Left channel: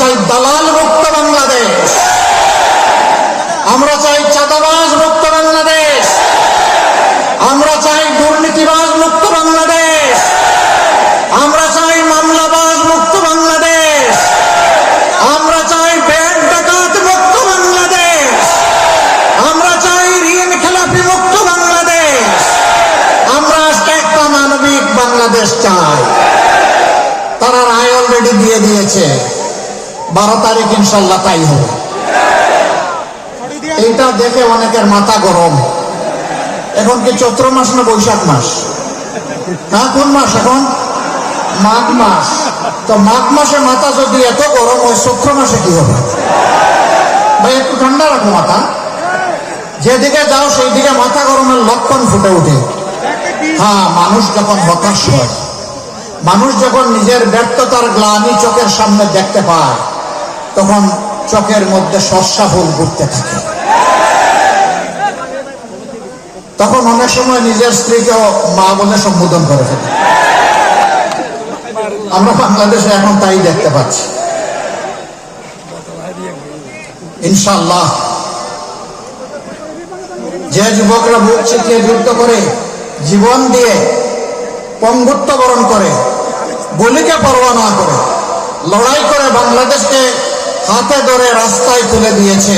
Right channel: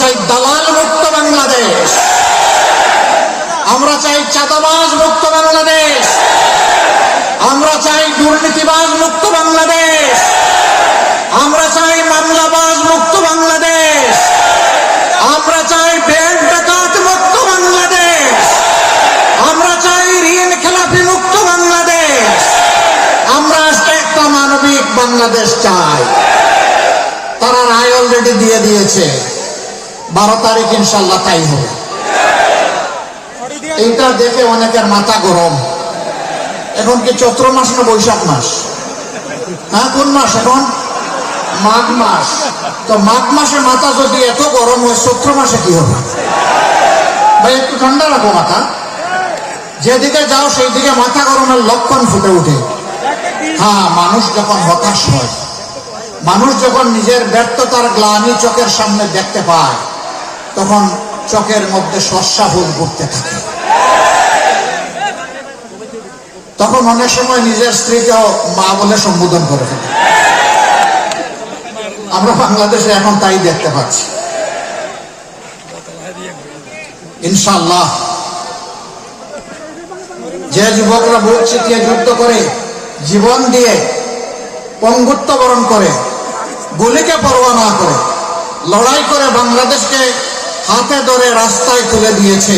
চাই দালাল মুক্ত বাংলাদেশ, আমরা চাই চাঁদাবাজ মুক্ত বাংলাদেশ, আমরা চাই দুর্নীতিবাজ মুক্ত বাংলাদেশ, আমরা চাই মামলাবাজ মুক্ত বাংলাদেশ, আমরা চাই ব্যাংক ডাকাত মুক্ত বাংলাদেশ, আমরা চাই ঋণ খেলাপি মুক্ত বাংলাদেশ, আমরা একটা মানবিক বাংলাদেশ চাই। তারা রায় অলরেডি দিয়ে দিয়েছে, 12 তারিখ ইনশাল্লাহ তাই হবে। এইটা দেখে অনেকের মাথা গরম। এখন কি চৈত্র মাস না বৈশাখ মাস? হ্যাঁ, কোন মাস এখন? মাঘ মাস। তো মাঘ মাসে মাথা যদি এত গরম হয়, চৈত্র মাসে কি হবে? ভাই একটু ঠান্ডা রাখো মাথা। যেদিকে যাও সেই দিকে মাথা গরমের লক্ষণ ফুটে ওঠে। হ্যাঁ, মানুষ যখন হতাশ হয়, মানুষ যখন নিজের ব্যর্থতার গ্লানি চোখের সামনে দেখতে পায়, তখন চোখের মধ্যে সর্ষা ফুল ঘুরতে থাকে। তখন অনেক সময় নিজের স্ত্রীকেও মা বলে সম্বোধন করে থাকে। আমরা বাংলাদেশে এখন তাই দেখতে পাচ্ছি। ইনশাআল্লাহ যে যুবকরা বুক চিতিয়ে যুদ্ধ করে, জীবন দিয়ে পঙ্গুত্ব বরণ করে, গুলিকে পরোয়া না করে লড়াই করে বাংলাদেশকে হাতে ধরে রাস্তায় তুলে দিয়েছে,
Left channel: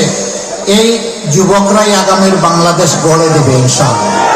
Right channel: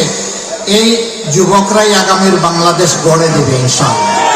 এই যুবকরাই আগামীর বাংলাদেশ গড়ে দেবে ইনশাআল্লাহ।